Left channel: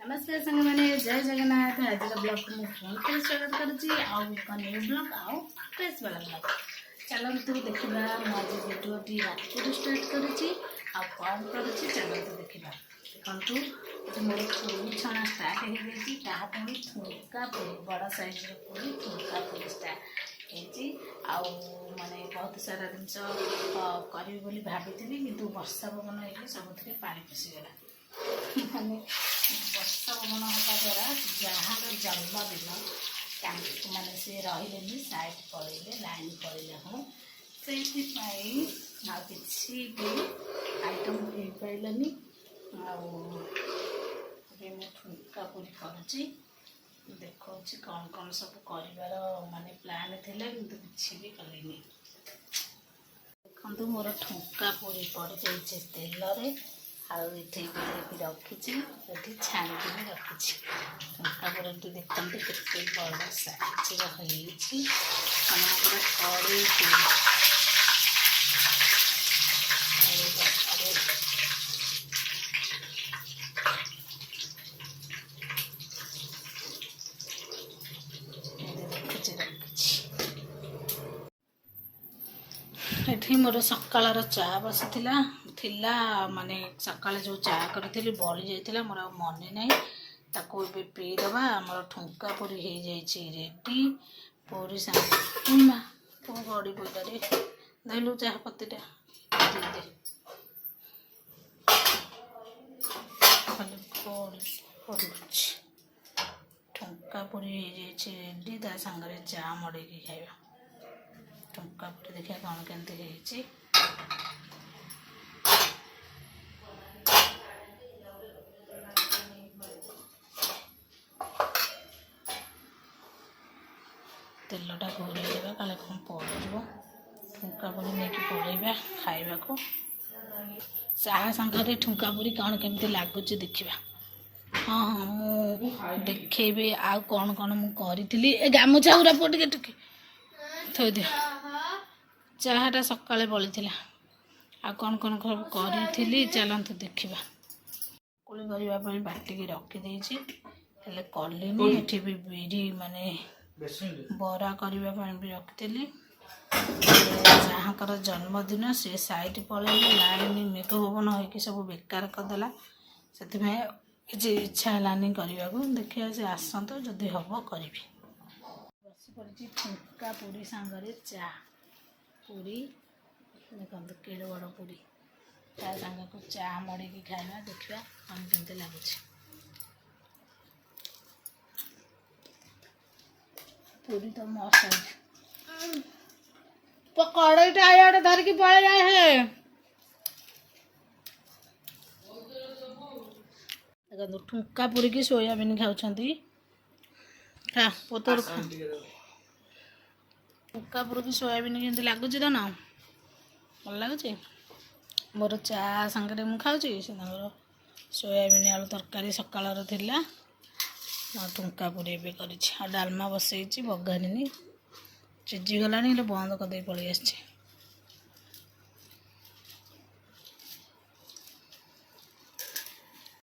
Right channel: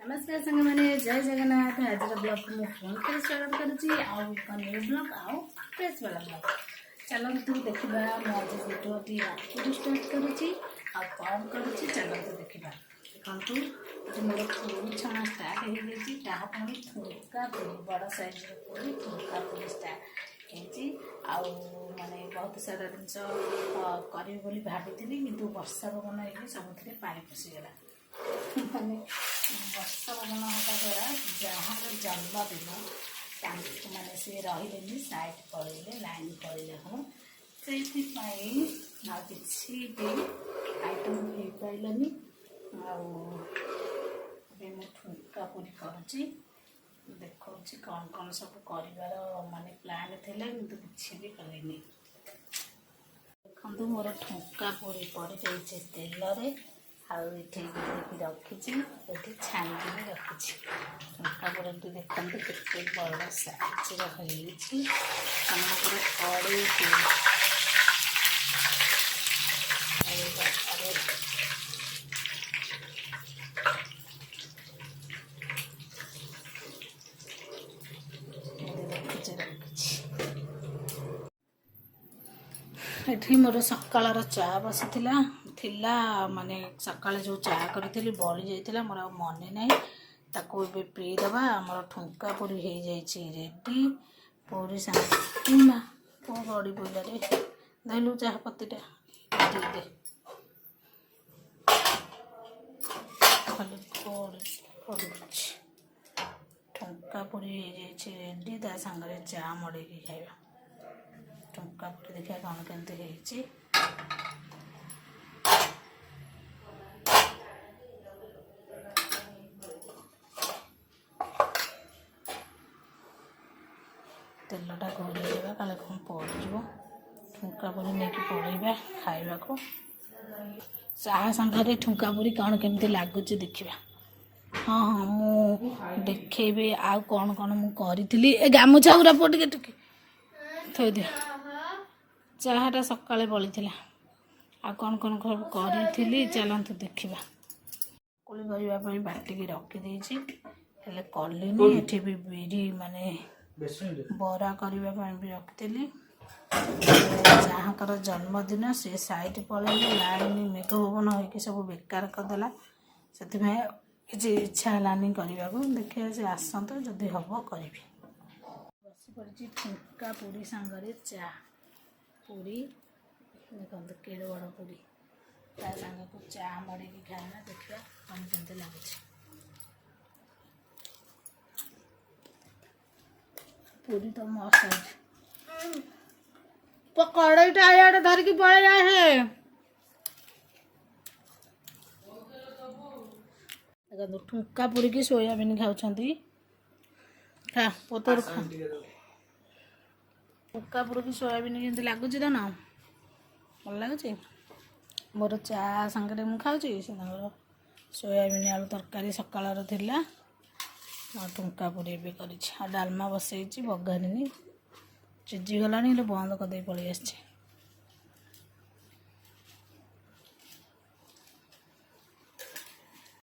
नमस्कार संग मैंने जय जगन्नाथ। आज का ब्लॉग को फोन कर स्वागत करुच्ची न्यू ब्लॉग आउ फ्रेश वाला ब्लॉग चलतु देखा आज भिडियोटी राति स्टार्ट करुच्ची कौन करुच्ची चलतु देखा देखु ये मोर पूरी छणा स्टार्ट हो पुणी ठुंका पूरी बड़ साइज पूरी ठुंका पूरी स्टार्ट माने बहुत सारा जिनस करी भाभी कि वर्षा पवन हो सब पानी पशिगला माने वर्षा पवन होगा द्वारा जार जन्मदिन माने सी रही साइड पड़े लाइन पड़े हूँ से किसी भी आइटम हो पारानी मु ठुंका पूरी करुच्ची देखा कौन कौन सब कर माने प्लान थिला किंतु किसी भी कलिनी देखु मोर ठुंका पूरी पड़ जाइए तेल आखी रखी छाणी भी रखी ठुंका पूरी देखते के बड़ साइज रही कड़े ये मोर सकाल चा बसी थिला माने सकाल जो चा करी बड़ी जाइए मोर मन ना ताको पीदबा मोर ठुंका पूरी हो जाइए रेडी पूरी सांग पुआ बड़ी पड़ा रे धैलु चाह पत्तीटा दे खाली ठुंका पूरी हो जाइए रेडी ता सांगे चा मड़े खाइबा ठुंका पूरी देखा कौन केमती तेलटा घोरेबा काले कौन पड़ ठुंका पूरी नहीं पड़ेगा खाइबा को चाह संगे ठुंका पूरी कौन केमती लगुच देखा हाँ हाँ मु देखेबी आ कौन कौन मुझी ए गामुछा गुरा पुआ टिके थोई दियो चाहटा सकाଳେ बड़ी आ कौन कौन करी चलतु देखा कुली करने बाटिकी रखीदे कलिनी ये भी बिरी माने बरा करने भी रखी जहाँकर जन्मदिन से साइड पड़े लाइन मेघ पवन हो सब बेकार करदेला से किसी इच्छा है करने को देखिए से आसतु जदि हम करी बस पड़ी ठुंका पूरी सांगे चा पूरी देखो केड़ बड़ पूरी ता सांगे को चा मड़े खाଇବା देखा कौन केमती लगुच पूरी तो मस्त कड़ईटा आड़े धरिकी पड़े जाए देखो ठुंका पूरी की सोयाबीन खाऊं खा पोतर खा ठुंका पूरी की सोयाबीन केमती लगुच तो ना भल लगुच मोर चा सांगे मुझे खाऊँ से सोयाबीन आलू तरकारी सकाल ठुंका पूरी भी कर डालमा बसई बघारिनी चिजिगलानी बंद करदे पलि आसी।